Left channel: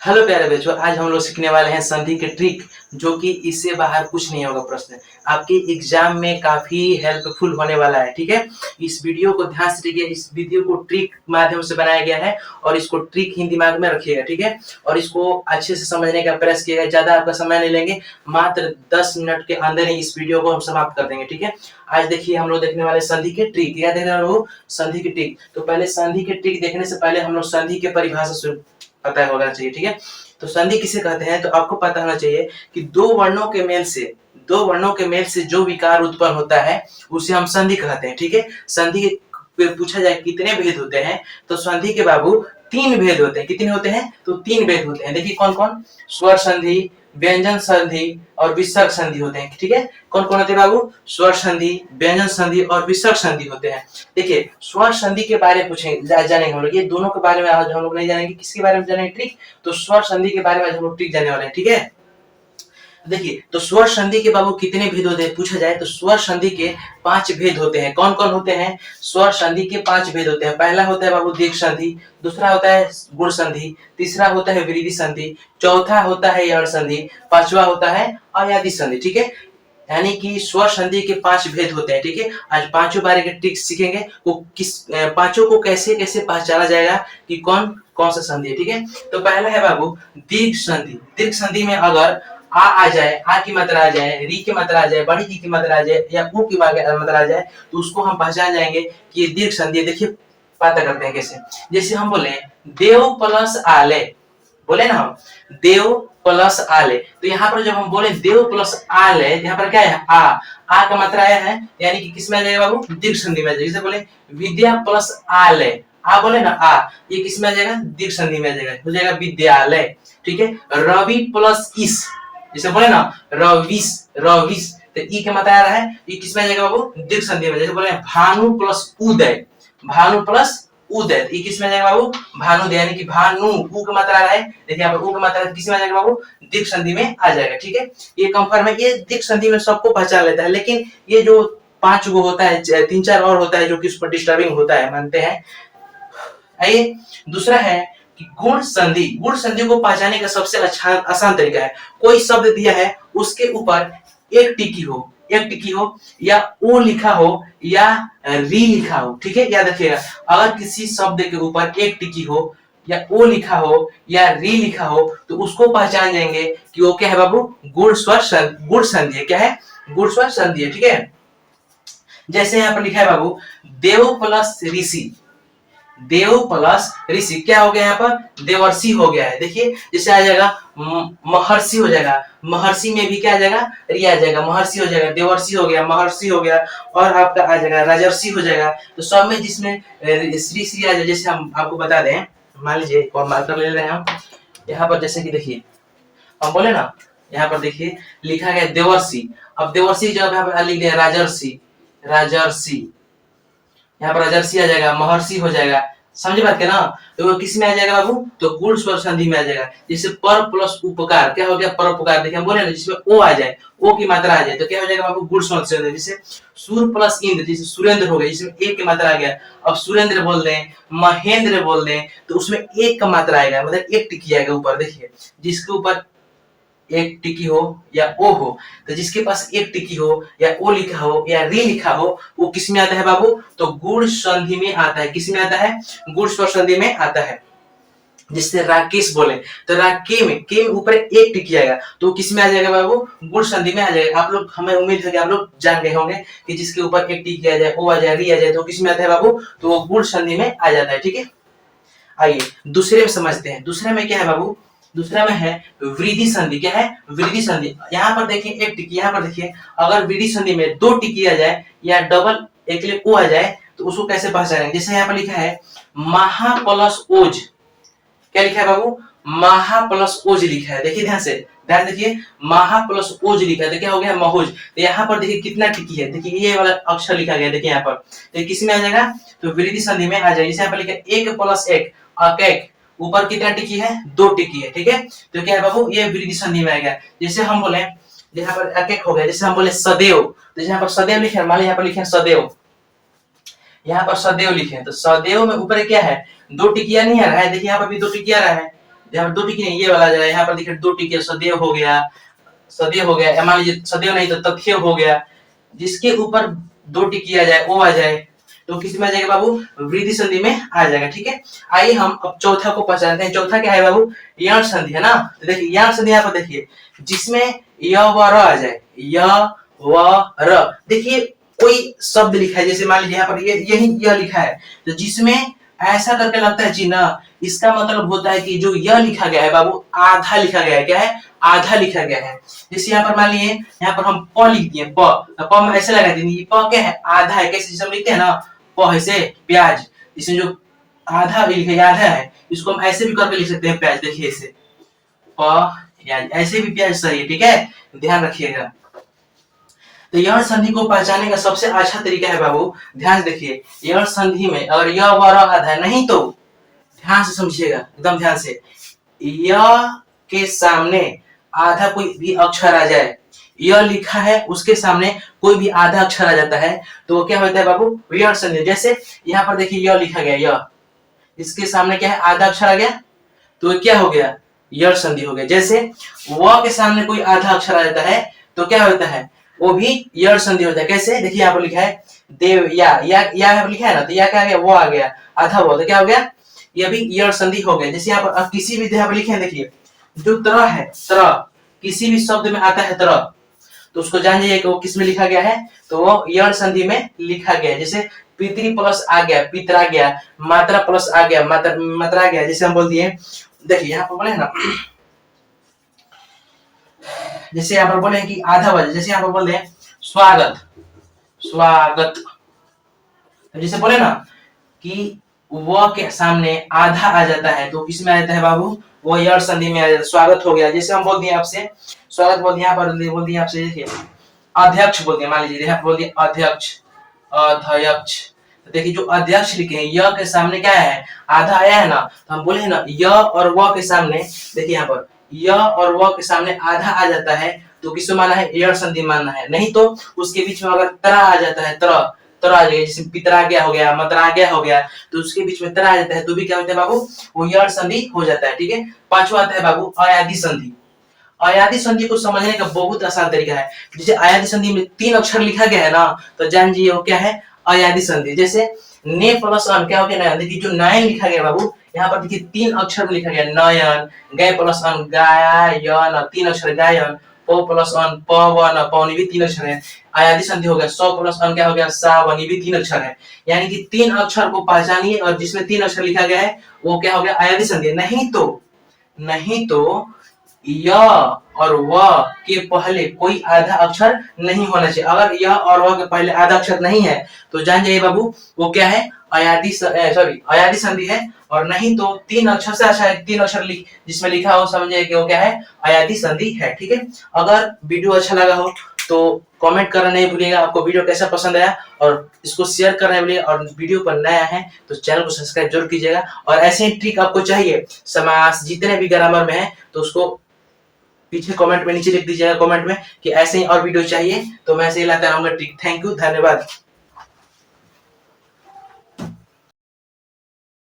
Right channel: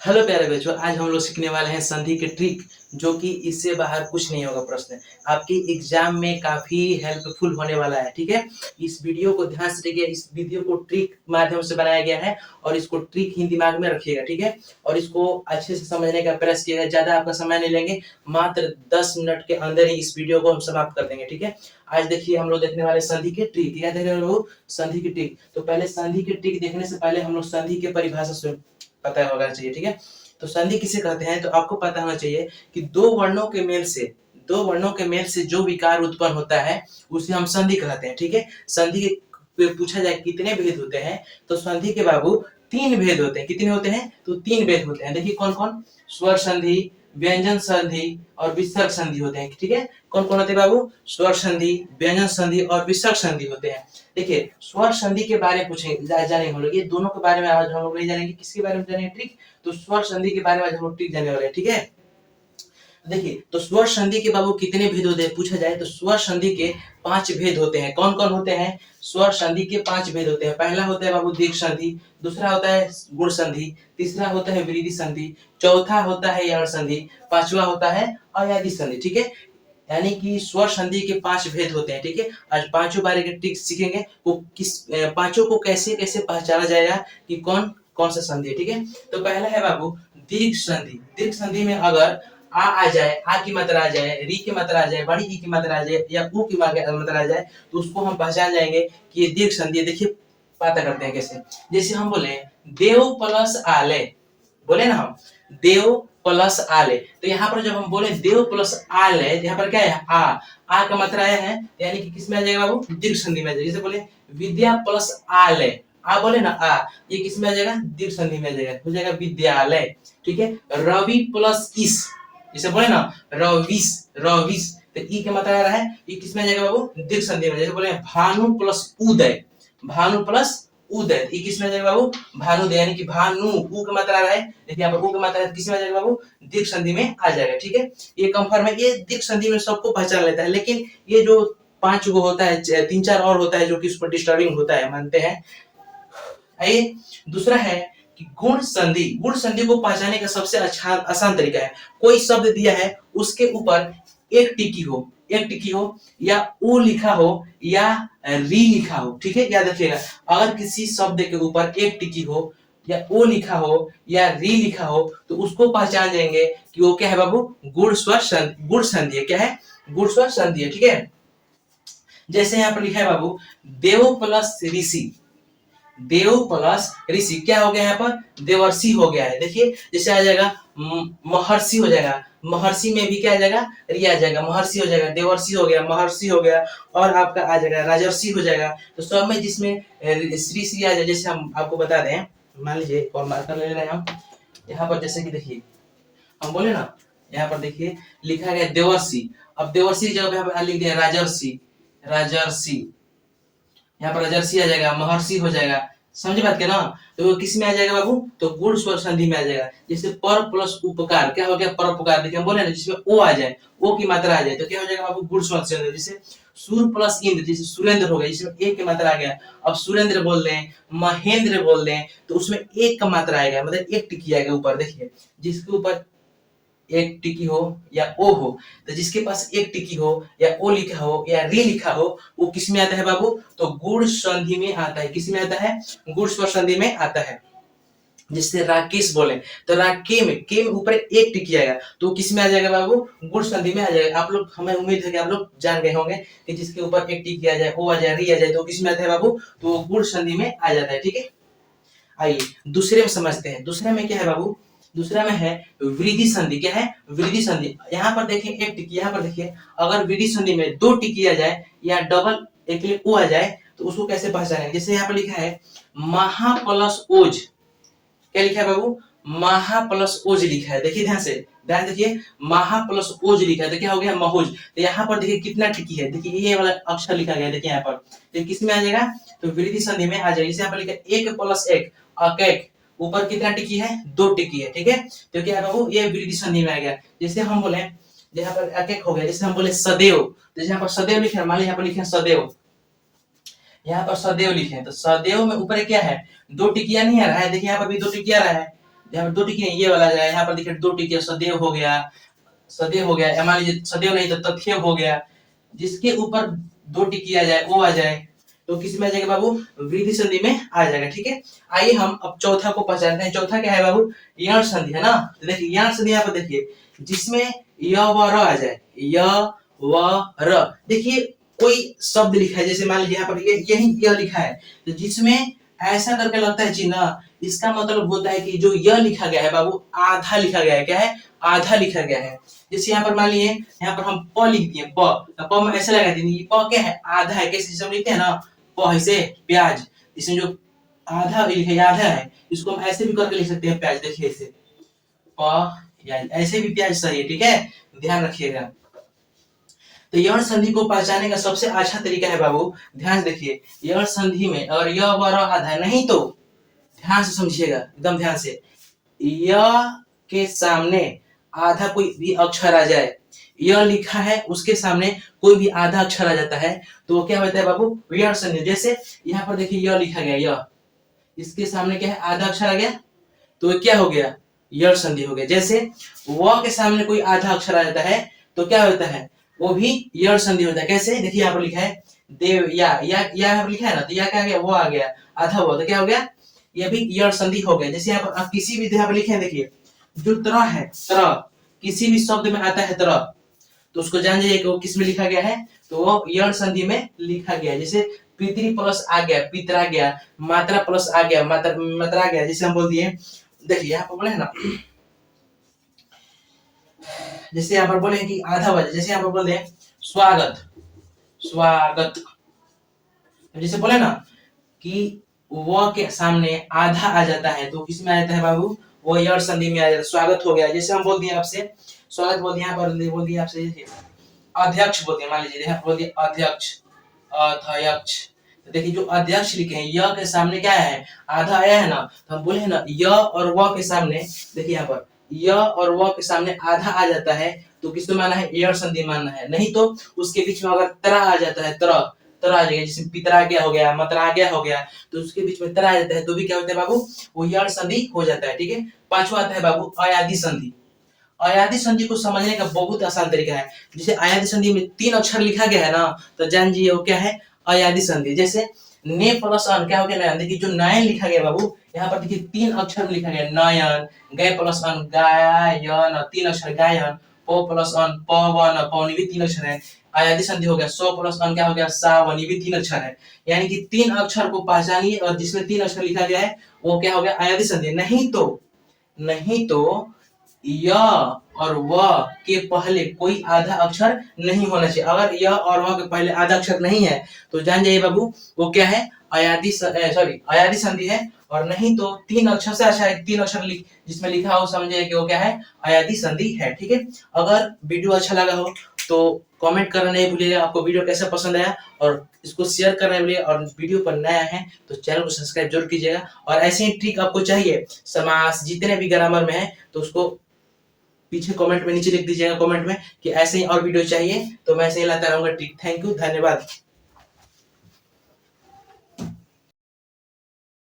Hello प्यारे बच्चों, आज हम लोग सीखने वाले हैं संधि के ट्रिक, जो कि इससे बाहर कुछ नहीं होगा। प्रश्न आपके एग्जाम में काफी हेल्पफुल होने वाला है। ठीक है, इस वीडियो को ध्यान से देखिए। इस वीडियो को ट्रिक माध्यम से बनाया गया है और इसको ट्रिक ही दिमाग में रखिएगा। ठीक है, और इसको अच्छे से समझने का प्रयास किएगा। ज्यादा आपका समय नहीं लेंगे, मात्र 10 मिनट के अंदर ही इस वीडियो को हम समाप्त कर देंगे। ठीक है, आज देखिए हम लोग देखने वाले संधि के ट्रिक। क्या देख रहे हो? संधि की ट्रिक। तो पहले संधि के ट्रिक देखने से पहले हम लोग संधि के परिभाषा पता होना चाहिए। ठीक है, तो संधि किसे कहते हैं तो आपको पता होना चाहिए कि दो वर्णों के मेल से जो विकार उत्पन्न होता है उसे हम संधि कहते हैं। ठीक है, संधि पे पूछा जाए कितने भेद होते हैं तो संधि के बाबू 3 भेद होते हैं। कितने होते हैं? तो 3 भेद होते हैं। देखिए कौन कौन? स्वर संधि, व्यंजन संधि और विसर्ग संधि होते हैं। ठीक है, कौन कौन होते हैं बाबू? स्वर संधि, व्यंजन संधि और विसर्ग संधि होते हैं। देखिए स्वर संधि के बारे में पूछेंगे, जानेंगे हम लोग। ये दोनों के बारे में आज हम लोग नहीं जानेंगे। किसके बारे में जानेंगे? ट्रिक। तो स्वर संधि के बारे में आज हम लोग ट्रिक जाने वाले हैं। ठीक है, देखिए तो स्वर संधि के बाबू कितने भेद होते हैं पूछा जाए तो स्वर संधि के 5 भेद होते हैं। कौन कौन होते हैं? स्वर संधि के 5 भेद होते हैं। पहला होता है बाबू दीर्घ संधि, दूसरा होता है गुण संधि, तीसरा होता है वृद्धि संधि, चौथा होता है यण संधि, पांचवा होता है अयादि संधि। ठीक है, यानी कि स्वर संधि के 5 भेद होते हैं। ठीक है, आज पांचों बारे के ट्रिक सीखेंगे। वो किस पांचों को कैसे कैसे पहचाना जाएगा कि कौन कौन सा संधि है। ठीक है, तो पहला है बाबू दीर्घ संधि। दीर्घ संधि में अगर आ जाए, आ की मात्रा आ जाए, री की मात्रा आ जाए, बड़ी ई की मात्रा आ जाए या ऊ की मात्रा आ जाए तो उसको हम पहचान जाएंगे कि ये दीर्घ संधि है। देखिए पता करते हैं कैसे। जैसे हम बोले देव प्लस आले, बोले ना हम देव प्लस आले, तो यहाँ पर जब हम बोले देव प्लस आले, यहाँ पर क्या है? आ का मात्रा आया है, यानी कि किस में आ जाएगा बाबू? दीर्घ संधि में आ जाएगा। जैसे बोले विद्या प्लस आले, आ बोले ना आ, ये किस में आ जाएगा? दीर्घ संधि में आ जाएगा, हो जाएगा विद्यालय। ठीक है, रवि प्लस इस, जैसे बोले ना रविस, रविस, तो ई के मात्रा आ रहा है, ये किस में आ जाएगा बाबू? दीर्घ संधि में। जैसे बोले भानु प्लस उदय, भानु प्लस उदय, ये किस में आ जाएगा बाबू? भानुदय, यानी कि भानु, ऊ की मात्रा आ रहा है, देखिए यहाँ पर ऊ की मात्रा किस में आ जाएगा बाबू? दीर्घ संधि में आ जाएगा। ठीक है, ये कंफर्म है। ये दीर्घ संधि में सबको पहचान लेता है, लेकिन ये जो 5 गो होता है, 3-4 और होता है जो कि उस पर डिस्टर्बिंग होता है, मानते हैं। आइए दूसरा है कि गुण संधि। गुण संधि को पहचानने का सबसे अच्छा आसान तरीका है, कोई शब्द दिया है उसके ऊपर एक टिकी हो, एक टिकी हो या ओ लिखा हो या री लिखा हो। ठीक है, याद रखिएगा, अगर किसी शब्द के ऊपर एक टिकी हो या ओ लिखा हो या री लिखा हो तो उसको पहचान जाएंगे कि वो क्या है बाबू? गुण स्वर संधि, गुण संधि है। क्या है? गुण स्वर संधि है। ठीक है, जैसे यहाँ पर लिखा है बाबू देव प्लस ऋषि, देव प्लस ऋषि, क्या हो गया यहाँ पर? देवर्षि हो गया है। देखिए जैसे आ जाएगा महर्षि हो जाएगा, महर्षि में भी क्या आ जाएगा? री आ जाएगा, महर्षि हो जाएगा, देवर्षि हो गया, महर्षि हो गया, और आपका आ जाएगा राजर्षि हो जाएगा। तो सब में जिसमें श्री श्री आ जाए, जैसे हम आपको बता दें, मान लीजिए और मार्कर ले रहे हैं हम यहाँ पर, जैसे कि देखिए हम बोले ना, यहाँ पर देखिए लिखा गया देवर्षि, अब देवर्षि की जगह यहाँ पर लिख दिया राजर्षि, राजर्षि, यहाँ पर राजर्षि आ जाएगा, महर्षि हो जाएगा। समझे बात के ना? तो वो किस में आ जाएगा बाबू? तो गुण स्वर संधि में आ जाएगा। जैसे पर प्लस उपकार, क्या हो गया? परोपकार। देखिए हम बोले ना जिसमें ओ आ जाए, ओ की मात्रा आ जाए तो क्या हो जाएगा बाबू? गुण स्वर संधि। जैसे सूर प्लस इंद्र, जैसे सुरेंद्र हो गया, जिसमें एक की मात्रा आ गया। अब सुरेंद्र बोल दें, महेंद्र बोल दें तो उसमें एक का मात्रा आएगा, मतलब एक टिकी आएगा ऊपर। देखिए जिसके ऊपर एक टिकी हो या ओ हो, तो जिसके पास एक टिकी हो या ओ लिखा हो या री लिखा हो वो किस में आता है बाबू? तो गुण संधि में आता है। किस में आता है? गुण स्वर संधि में आता है। जिससे राकेश बोले तो के में ऊपर एक टिकी आएगा तो किस में आ जाएगा बाबू? गुण संधि में आ जाएगा। आप लोग, हमें उम्मीद है कि आप लोग जान गए होंगे कि जिसके ऊपर एक टिकी आ जाए, ओ आ जाए, री आ जाए तो किस में आता है बाबू? तो वो गुण संधि में आ जाता है। ठीक है, आइए दूसरे में समझते हैं। दूसरे में क्या है बाबू? दूसरा में है वृद्धि संधि। क्या है? वृद्धि संधि। यहाँ पर देखिए एक टिकी, यहाँ पर देखिए अगर वृद्धि संधि में 2 टिकी आ जाए या डबल एक लिए ओ आ जाए तो उसको कैसे पहचानेंगे? जैसे यहाँ पर लिखा है महा प्लस ओज, क्या लिखा है बाबू? महा प्लस ओज लिखा है। देखिए ध्यान से, ध्यान देखिए, महा प्लस ओज लिखा है तो क्या हो गया? महोज। तो यहाँ पर देखिए कितना टिकी है, देखिए ये वाला अक्षर लिखा गया, देखिए यहाँ पर तो किस में आ जाएगा? तो वृद्धि संधि में आ जाएगा। जैसे यहाँ पर लिखा है एक प्लस एक, अकेक, ऊपर कितना टिकी है? 2 टिकी है। ठीक है, तो क्या है बाबू? ये वृद्धि संधि में आएगा। जैसे हम बोले यहाँ पर अकेक हो गया, जैसे हम बोले सदैव, तो यहाँ पर सदैव लिखे, मान लीजिए यहाँ पर लिखे सदैव, यहाँ पर सदैव लिखे तो सदैव में ऊपर क्या है? 2 टिकिया नहीं आ रहा है, देखिए यहाँ पर भी 2 टिकिया आ रहा है, यहाँ पर दो टिकी नहीं, ये वाला जाए, यहाँ पर देखिए दो टिकी सदैव हो गया, सदैव हो गया, मान लीजिए सदैव नहीं तो तथ्य हो गया, जिसके ऊपर दो टिकी आ जाए वो आ जाए तो किस में आ जाएगा बाबू, वृद्धि संधि में आ जाएगा। ठीक है, आइए हम अब चौथा को पहचानते हैं। चौथा क्या है बाबू, यण संधि है ना। तो देखिए यण संधि यहाँ पर देखिए, जिसमें य व र आ जाए, य व र, देखिए कोई शब्द लिखा है, जैसे मान लीजिए यहाँ पर यही यह लिखा है, तो जिसमें ऐसा करके लगता है चिन्ह, इसका मतलब होता है कि जो यह लिखा गया है बाबू आधा लिखा गया है। क्या है, आधा लिखा गया है। जैसे यहाँ पर मान लिए, यहाँ पर हम प लिख दिए, प, तो प में ऐसे लगा देंगे, प क्या है, आधा है। कैसे जैसे हम लिखते हैं ना, प ऐसे प्याज, इसमें जो आधा लिखे आधा है, इसको हम ऐसे भी करके लिख सकते हैं प्याज। देखिए ऐसे प्याज, ऐसे भी प्याज सही है। ठीक है, ध्यान रखिएगा। तो यण संधि को पहचानने का सबसे अच्छा तरीका है बाबू, ध्यान से देखिए, यण संधि में अगर य व र आधा है, नहीं तो ध्यान से समझिएगा, एकदम ध्यान से, य के सामने आधा कोई भी अक्षर आ जाए, यह लिखा है उसके सामने कोई भी आधा अक्षर आ जाता है तो क्या होता है बाबू, यण संधि। जैसे यहाँ पर देखिए यह लिखा गया, यह, इसके सामने क्या है, आधा अक्षर आ गया तो क्या हो गया, यण संधि हो गया। जैसे व के सामने कोई आधा अक्षर आ जाता है तो क्या होता है, वो भी यण संधि होता है। कैसे, देखिए यहाँ पर लिखा है देव, या यहाँ पर लिखा है ना, तो या क्या आ गया, वो आ गया, आधा वो, तो क्या हो गया, ये भी यण संधि हो गया। जैसे यहाँ पर अब किसी भी यहाँ पर लिखे हैं, देखिए जो तरह है, तरह किसी भी शब्द में आता है तरह, तो उसको जान जाइए कि वो किस में लिखा गया है, तो वो यण संधि में लिखा गया है। जैसे पितरी प्लस आ गया, पितरा गया, मात्रा प्लस आ गया, मात्रा गया। जैसे हम बोल दिए, देखिए यहाँ पर बोले ना, जैसे यहाँ पर बोले कि आधा वजन, जैसे यहाँ पर बोल रहे स्वागत, स्वागत, जैसे बोले ना कि व के सामने आधा आ जाता है तो किसमें आ जाता है बाबू, वो यण संधि में आ जाता है, स्वागत हो गया। जैसे हम बोल दिए आपसे स्वागत, बोल दिए यहाँ पर, बोल दिए आपसे, देखिए अध्यक्ष बोल दिया, मान लीजिए यहाँ बोल दिए अध्यक्ष, अध्यक्ष, तो देखिए जो अध्यक्ष लिखे हैं, य के सामने क्या है, आधा आया है ना, तो हम बोले ना य और व के सामने, देखिए यहाँ पर य और व के सामने आधा आ जाता है तो किसको माना है, यण संधि मानना है। नहीं तो उसके बीच में अगर तरा आ जाता है, तरह तरह आ जाएगा, जैसे पितरा गया हो गया, मतरा गया हो गया, तो उसके बीच में तरह आ जाता है तो भी क्या होता है बाबू, वो यण संधि हो जाता है। ठीक है, पांचवा आता है बाबू अयादि संधि। अयादि संधि को समझने का बहुत आसान तरीका है। जैसे अयादि संधि में तीन अक्षर लिखा गया है ना, तो जान जाइए वो क्या है, अयादि संधि। जैसे ने प्लस अन क्या हो गया, नयन, देखिए जो नयन लिखा गया बाबू, यहाँ पर देखिए तीन अक्षर में लिखा गया नयन, गय प्लस अन गायन, तीन अक्षर गायन, प प्लस अन पवन, पवनी भी तीन अक्षर है। अयादि संधि हो गया, स प्लस अन क्या हो गया, सावन, ये भी तीन अक्षर है। यानी कि तीन अक्षर को पहचानिए और जिसमें तीन अक्षर लिखा गया है वो क्या हो गया, अयादि संधि। नहीं तो य और व के पहले कोई आधा अक्षर नहीं होना चाहिए। अगर य और व के पहले आधा अक्षर नहीं है तो जान जाइए बाबू वो क्या है, अयादि अयादि संधि है। और नहीं तो तीन अक्षर से अच्छा है, तीन अक्षर जिसमें लिखा हो समझिए कि वो क्या है, अयादि संधि है। ठीक है, अगर वीडियो अच्छा लगा हो तो कमेंट करना नहीं भूलिएगा, आपको वीडियो कैसा पसंद आया, और इसको शेयर करना नहीं भूलिएगा। और वीडियो पर नया है तो चैनल को सब्सक्राइब जरूर कीजिएगा। और ऐसे ही ट्रिक आपको चाहिए समास जितने भी ग्रामर में है तो उसको पीछे कमेंट में नीचे लिख दीजिएगा, कमेंट में कि ऐसे ही और वीडियो चाहिए, तो मैं ऐसे ही लाता रहूंगा ट्रिक। थैंक यू, धन्यवाद।